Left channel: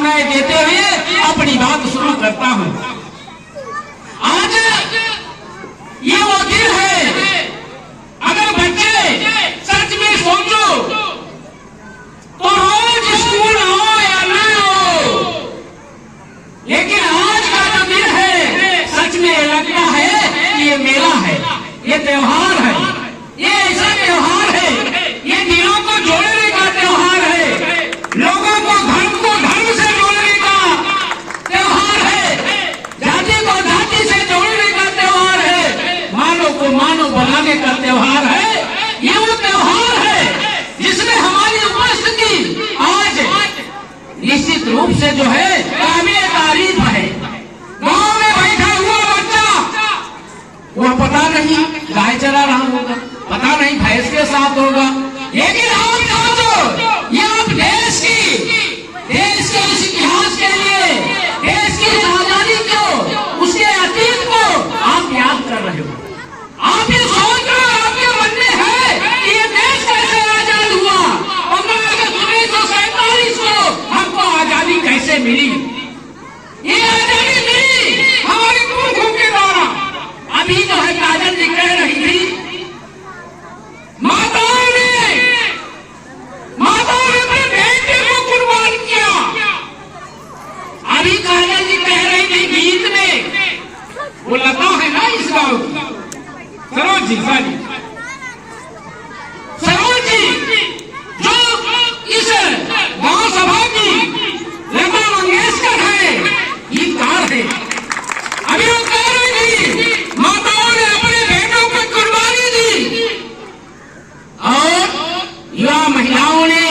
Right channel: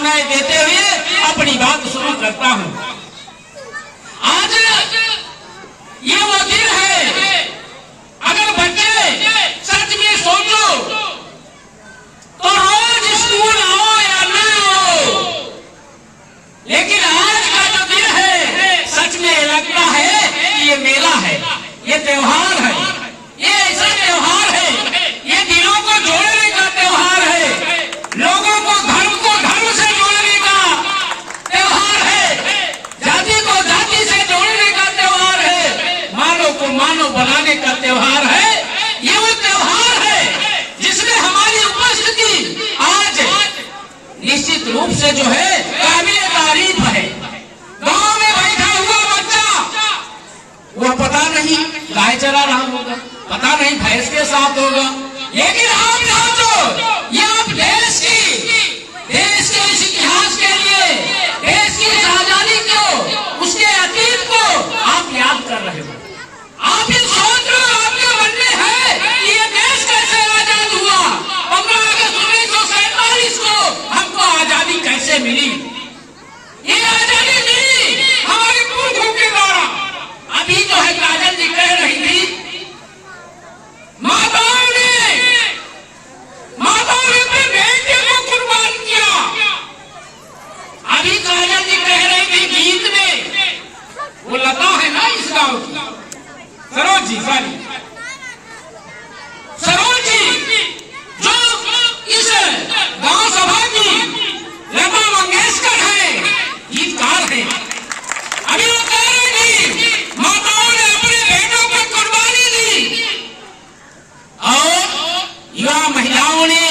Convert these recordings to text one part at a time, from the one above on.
शुभकामनाएं देते हुए अपनी बात शुरू करता हूं। आज ये वो दिन है, अगर बच्चे सच में सोचो तो रोज स्कूल आओ या ना आओ, लेकिन आज का जो दिन है सच में लगता है कि ये मेला है, ये त्योहार है, ये ऐसा त्योहार है, ये दिलों को जोड़ने का त्योहार है, लोगों को धर्म से जोड़ने का त्योहार है, जाति को जाति से जोड़ने का त्योहार है, मानव को मानव बनाने का त्योहार है। ये वो त्योहार है जिसमें हमारी उपस्थिति आज निश्चित रूप से जो है काबिल तारीफ है। गांव में बैठा हुआ बच्चा, वो पता नहीं गाय चला रहा होगा, पता नहीं भैंस के साथ होगा, लेकिन आप समझो ये आप देश के इस इतिहास के लिए, देश की इस आजादी को, उसके अतीत को आप याद कर रहे हो। आप ये सोच रहे हो, आपके मन में है कि ये देश कैसे आजाद हुआ, 15 अगस्त 1947 को हमको आजादी कैसे मिली। ये आजादी मिली हमारे पुरखों के द्वारा। अभी जो है काजल जी कह रही थी, माताओं ने अपने बेटे को कुर्बान किया। अभी काजल जी कह रही थी गीत में, वो लता है ना इस गांव की, सरोज जी जो इस गांव सभा की लता मंगेशकर है, गीतकार है। अभी वो कह रही थी माताओं ने अपने बेटों को कुर्बानी दी और युवा महिलाओं ने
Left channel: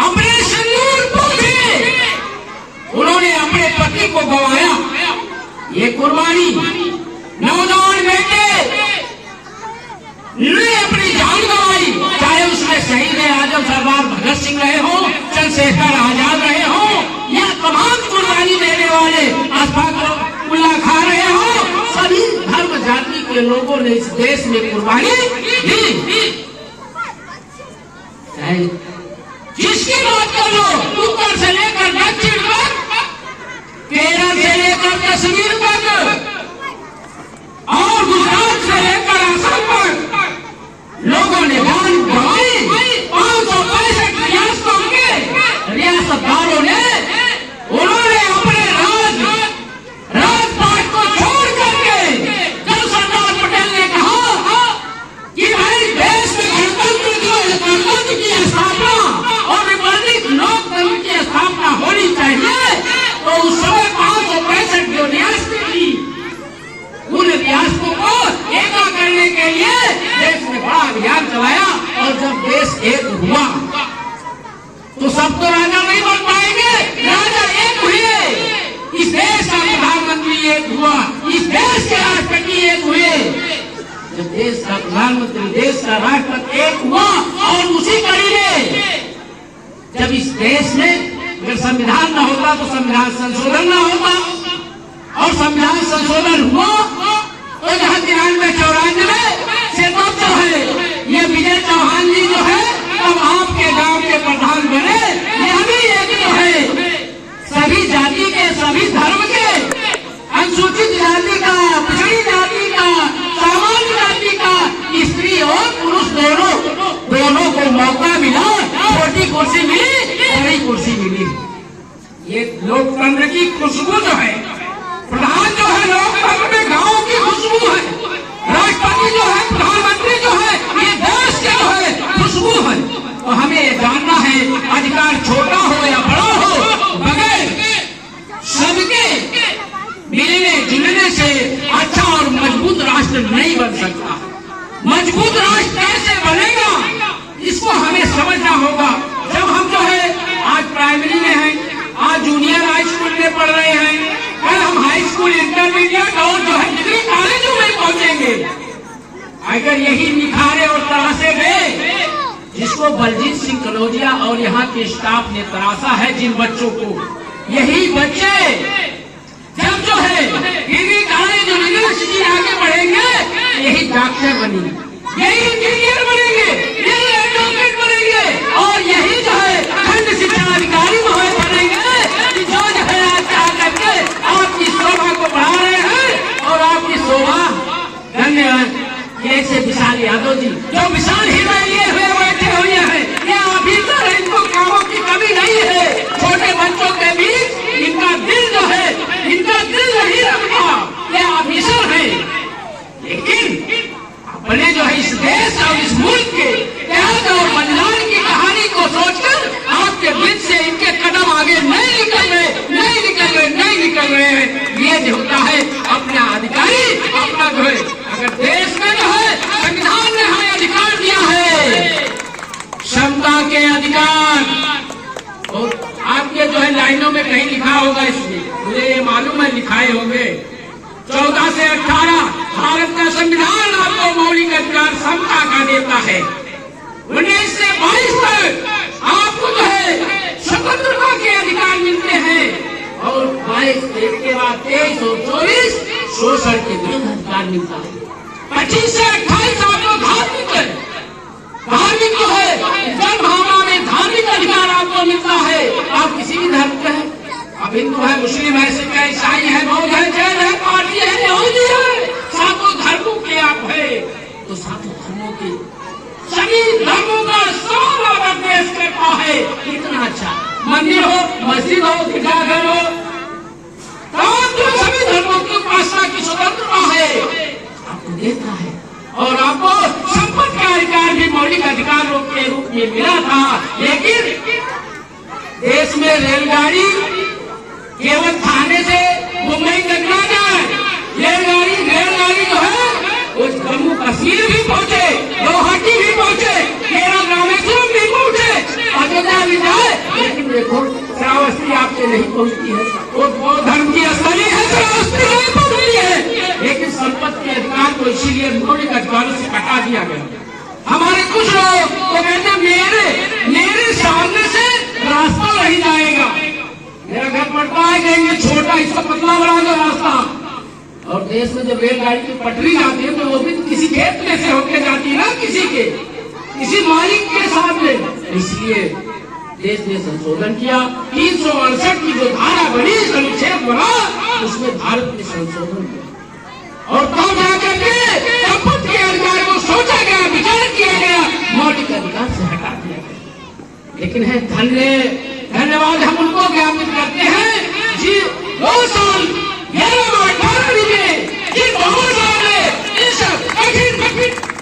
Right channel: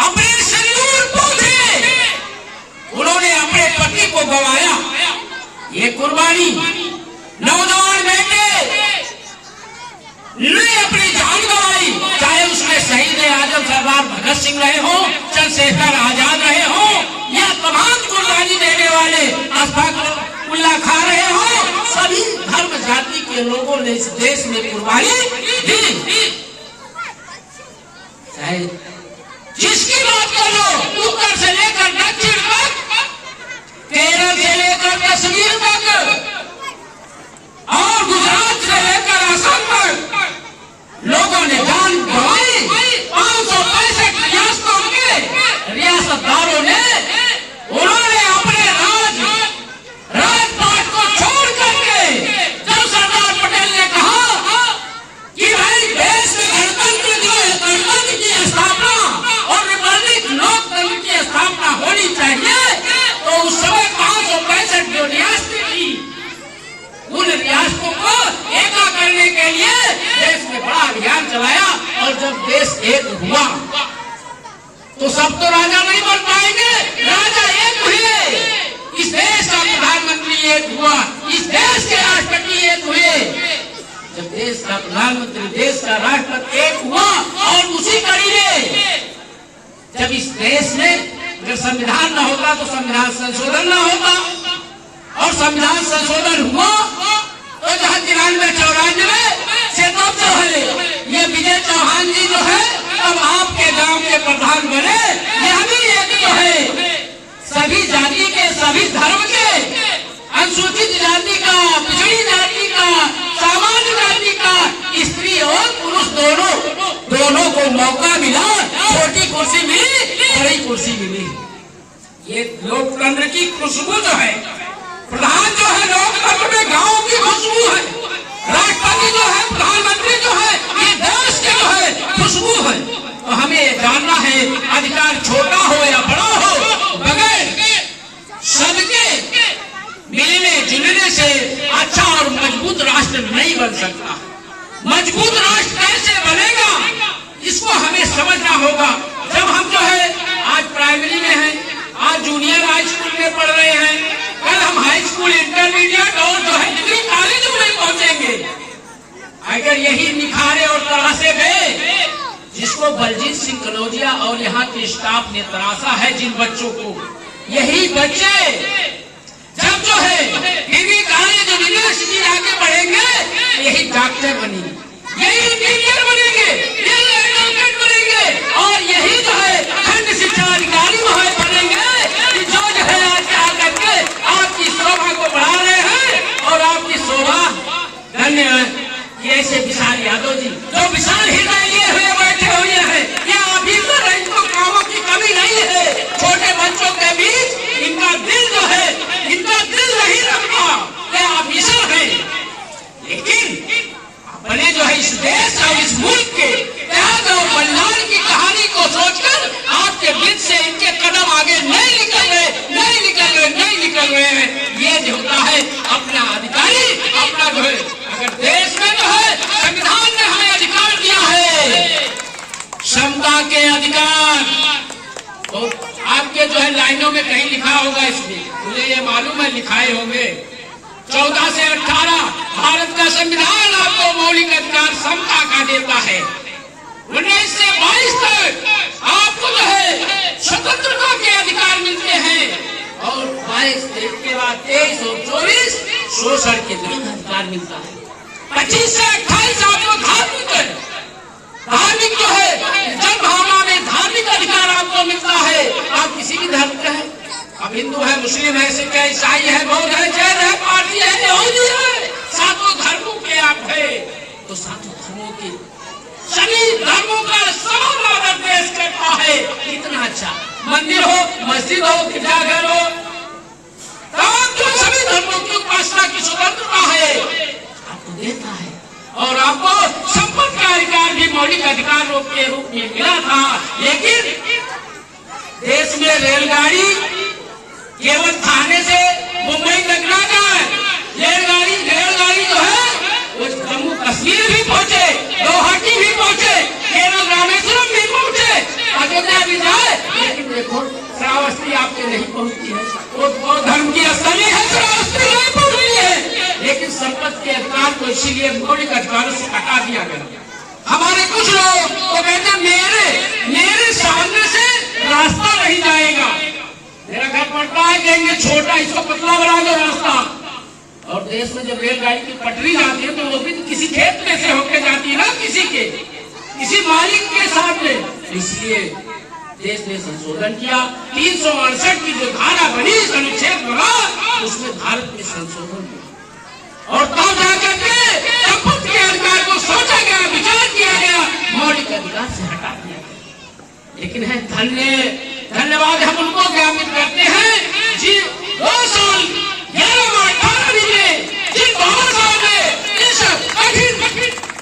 अपने सिंदूर पोंछे, उन्होंने अपने पति को गंवाया। ये कुर्बानी नौजवान बेटे ने अपनी जान गंवाई, चाहे उसमें शहीद आजम सरदार भगत सिंह रहे हो, चंद्रशेखर आजाद रहे हो, या तमाम कुर्बानी देने वाले अशफाक उल्लाह खान रहे हो, सभी धर्म जाति के लोगों ने इस देश में कुर्बानी दी। चाहे जिसकी बात कर लो, उत्तर से लेकर दक्षिण तक, केरल से लेकर कश्मीर तक और गुजरात से लेकर असम तक लोगों ने जान गंवाई। 565 रियासतों के रियासतदारों ने, उन्होंने अपने राजपाट को छोड़ करके, जब सरदार पटेल ने कहा कि भाई देश में गणतंत्र जो है, गणतंत्र की स्थापना और रिपब्लिक लोकतंत्र की स्थापना होनी चाहिए, तो उस समय 565 जो रियासतें थी, उन रियासतों को एका करने के लिए देश में बड़ा अभियान चलाया। और जब देश एक हुआ तो सब तो राजा नहीं बन पाएंगे, राजा एक हुए, इस देश का प्रधानमंत्री एक हुआ, इस देश के राष्ट्रपति एक हुए। जब देश का प्रधानमंत्री, देश का राष्ट्रपति एक हुआ, और उसी कड़ी में जब इस देश में अगर संविधान न होता तो संविधान संशोधन न होता, और संविधान संशोधन हुआ तो जहां 93-94 से तब जो है ये विजय चौहान जी जो है तब आपके गांव के प्रधान बने। यह भी एक जो है सभी जाति के, सभी धर्म के, अनुसूचित जाति का, पिछड़ी जाति का, सामान्य जाति का, स्त्री और पुरुष दोनों को मौका मिला। छोटी कुर्सी मिली, बड़ी कुर्सी मिली। ये लोकतंत्र की खुशबू जो है, प्रधान जो है लोकतंत्र में गांव की खुशबू है, राष्ट्रपति जो है, प्रधानमंत्री जो है, ये देश के जो है खुशबू है। तो हमें ये जानना है, अधिकार छोटा हो या बड़ा हो, बगैर सबके मिलने जुलने से अच्छा और मजबूत राष्ट्र नहीं बन सकता। मजबूत राष्ट्र कैसे बनेगा, इसको हमें समझना होगा। जब हम जो है आज प्राइमरी में हैं, आज जूनियर हाई स्कूल में पढ़ रहे हैं, कल हम हाई स्कूल, इंटरमीडिएट और जो है डिग्री कॉलेजों में पहुंचेंगे। अगर यही निखारे और तरासे गए, जिसको बलजीत सिंह कनौजिया और यहाँ के स्टाफ ने तरासा है, जिन बच्चों को, यही बच्चे जब जो है डिग्री कॉलेज, यूनिवर्सिटी आगे बढ़ेंगे, यही डॉक्टर बनेंगे, यही इंजीनियर बनेंगे, यही एडवोकेट बनेंगे, और यही जो है खंड शिक्षा अधिकारी बनेंगे, फर्ज होता है अपना अधिकारी अपना जो है, अगर देश में जो है संविधान ने हमें अधिकार दिया है क्षमता के अधिकार, तो आपके जो है लाइनों में कहीं लिखा होगा, इसमें मुझे ये मालूम है लिखाए होंगे 14 से 18 भारत का संविधान आपको मौलिक अधिकार समता का देता है। 19 से 22 तक आपको जो है स्वतंत्रता के अधिकार मिलते हैं और 22 के बाद 23 और 24 शोषण के विरुद्ध अधिकार मिलता है। 25 से 28 आपको धार्मिक जो है जनभावना में धार्मिक अधिकार आपको मिलता है। आप किसी भी धर्म के हैं, अब हिंदू है, मुस्लिम है, सिख है, ईसाई है, बौद्ध है, जैन है, पारसी है, यहूदी है, सातों धर्मों के आप है, तो सातों धर्मों के सभी धर्मों का समान आदर पेश करता है। इतना अच्छा मंदिर हो, मस्जिद हो, गिरजाघर हो, तमाम जो सभी धर्मों की उपासना की स्वतंत्रता है आपको देता है। और आपको संपत्ति का अधिकार भी मौलिक अधिकार के रूप में मिला था। लेकिन देश में रेलगाड़ी केवल थाने से मुंबई तक ना जाए, रेलगाड़ी जो है वो जम्मू कश्मीर भी पहुंचे, गुवाहाटी भी पहुंचे, केरल रामेश्वरम भी पहुंचे, अयोध्या भी जाए। लेकिन देखो श्रावस्ती आपके नहीं पहुंचती है, वो धर्म की स्थली है, श्रावस्ती नहीं पहुंचती है। लेकिन संपत्ति के अधिकार को इसीलिए मौलिक अधिकारों से हटा दिया गया। हमारे कुछ लोग वो कहते मेरे सामने से रास्ता नहीं जाएगा, मेरा घर पड़ता है, कहेंगे छोटा इसको पतला बना दो रास्ता। और देश में जब रेलगाड़ी की पटरी जाती है तो वो भी तो किसी खेत में से होकर जाती है ना, किसी मालिक के साथ में। इसलिए देश ने संशोधन किया, 368 की जो धारा बनी, अनुच्छेद बना, उसमें भारत में संशोधन किया और तब जाकर के संपत्ति के अधिकार को सोचा गया, विचार किया गया, मौलिक अधिकार से हटा दिया गया। लेकिन है धन्यवाद हम उनको ज्ञापित करते हैं जी 2 साल 11 माह 18 महीने जिन बाबा साहब ने इस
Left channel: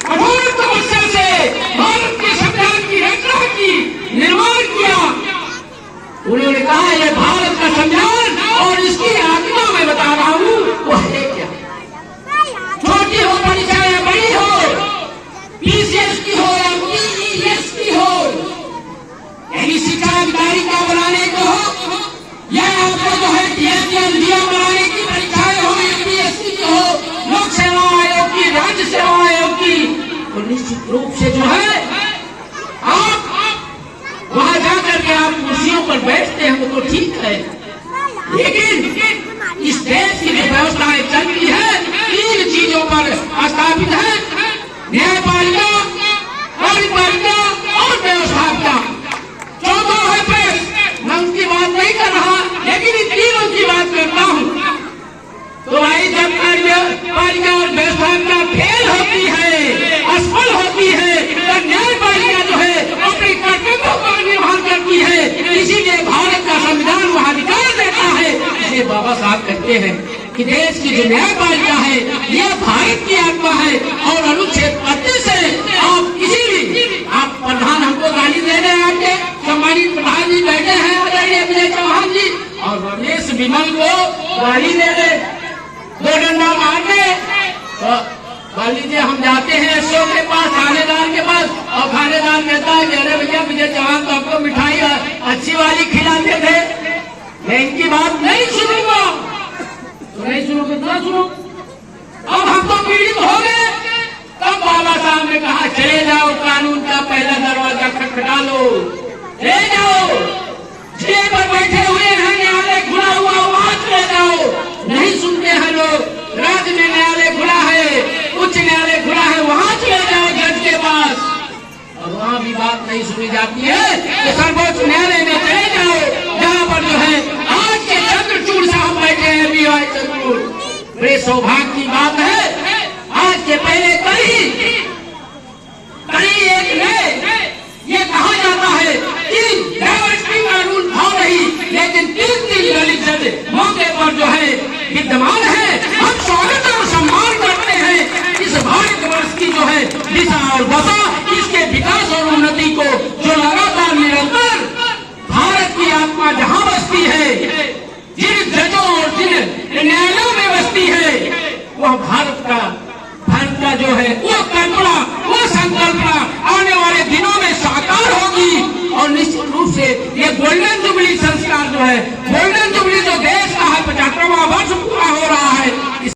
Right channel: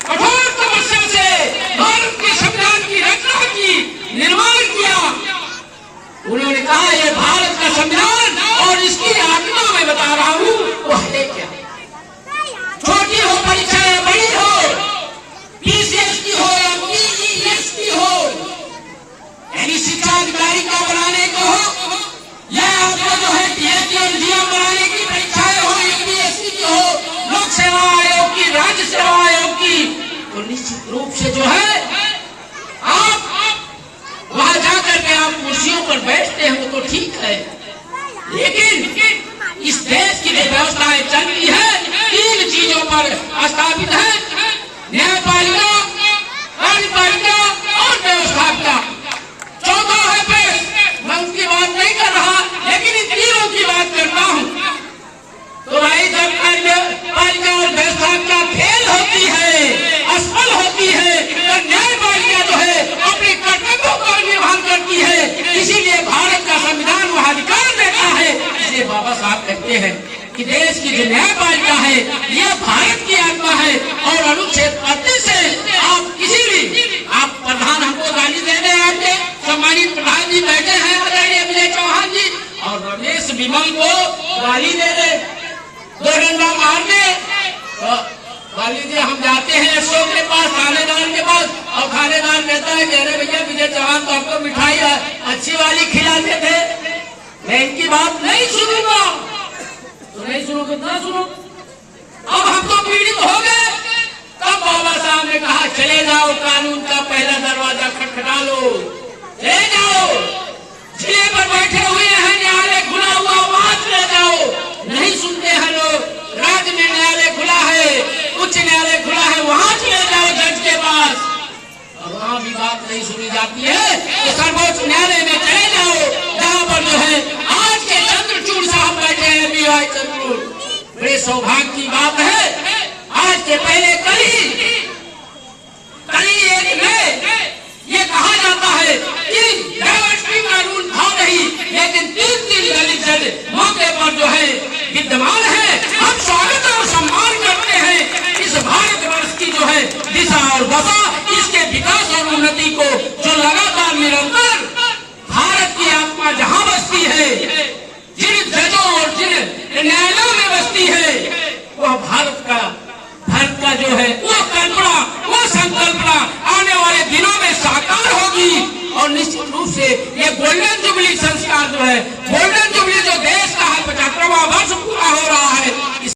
कठोर तपस्या से भारत के संविधान की रचना की, निर्माण किया। उन्होंने कहा ये भारत का संविधान और इसकी आत्मा मैं बता रहा हूँ वो है क्या। छोटी हो परीक्षा या बड़ी हो, पीसीएस की हो या पीईएस की हो, यानी शिक्षा अधिकारी को बनाने को हो या आपको जो है डीएम बनाने की परीक्षाएं हो, यूपीएससी की हो, लोक सेवा आयोग की, राज्य सेवा आयोग की, तो निश्चित रूप से जो है आप वहां जाकर के आप कुर्सियों पर बैठते हैं, वो तो ठीक है। लेकिन इस देश की जो व्यवस्थाएं चलती है 3 चीजों पर स्थापित है, न्यायपालिका, कार्यपालिका और व्यवस्थापिका। चौथा है प्रेस, मैं उसकी बात नहीं कर रहा, लेकिन इन तीनों की बात करता हूँ। तो भाई जब कार्यपालिका और व्यवस्थापिका फेल होती है, असफल होती है, तो न्यायपालिका जो है अपने कर्तव्यों का निर्वहन करती है। इसीलिए भारत का संविधान वह अधिकार देता है। इसलिए बाबा साहब कहते हैं कि देश की जो न्यायपालिका है यह भारत की आत्मा है। और अनुच्छेद 35 से आप किसी भी, आप प्रधान हमको गाली दे रहे हैं, आपके सम्मानित प्रधान जी बैठे हैं आदरणीय विजय चौहान जी, और रमेश बिमल को गाली दे दे, 2 डंडा मार दे, तो मान लीजिए हम जाते हैं एसओ के पास, थानेदार के पास, और थानेदार कहता है कि अरे भैया विजय चौहान तो आपको मिठाई अच्छी वाली खिलाते थे, मैं इनकी बात नहीं सुनूंगा। तो नहीं सुनोगे तो ना सुनो। अब हम तो पीड़ित हो गए। तब बाबा साहब ने कहा चले जाओ, कानून का पहला दरवाजा खटखटा लो, चले जाओ, जिले पर बैठे हुए हैं, न्यायालय खुला हुआ, वहां चले जाओ। नहीं सुनते हैं लोग, राज्य में न्यायालय खुला है, उच्च न्यायालय खुला है, वहां चले जाओ जज के पास, और वहां भी बात नहीं सुनी जाती है तो सर्वोच्च न्यायालय में चले जाओ, जहां पर जो है आज के चंद्रचूड़ साहब बैठे हैं, बीवाई चंद्रचूड़। बड़े सौभाग्य की बात है, आज के पहले कल ही एक ने ये कहा जाता है कि डाइवर्सिटी कानून था नहीं, लेकिन 3 दलित जज मौके पर जो है विद्यमान है। हम स्वागत और सम्मान करते हैं इस भारतवर्ष की जो है दिशा और दशा, इसके विकास और उन्नति को जो लगातार निरंतर भारत की आत्मा जहां बसती है, जिन जजों और जिन न्यायालयों वाला जो है वो कल्पना, वो संकल्पना आने वाले दिनों में साकार होगी। और निश्चित रूप से ये गोल्डन जुबली संस्कार जो है, गोल्डन जुबली जो देश का 75वां वर्ष पूरा हो रहा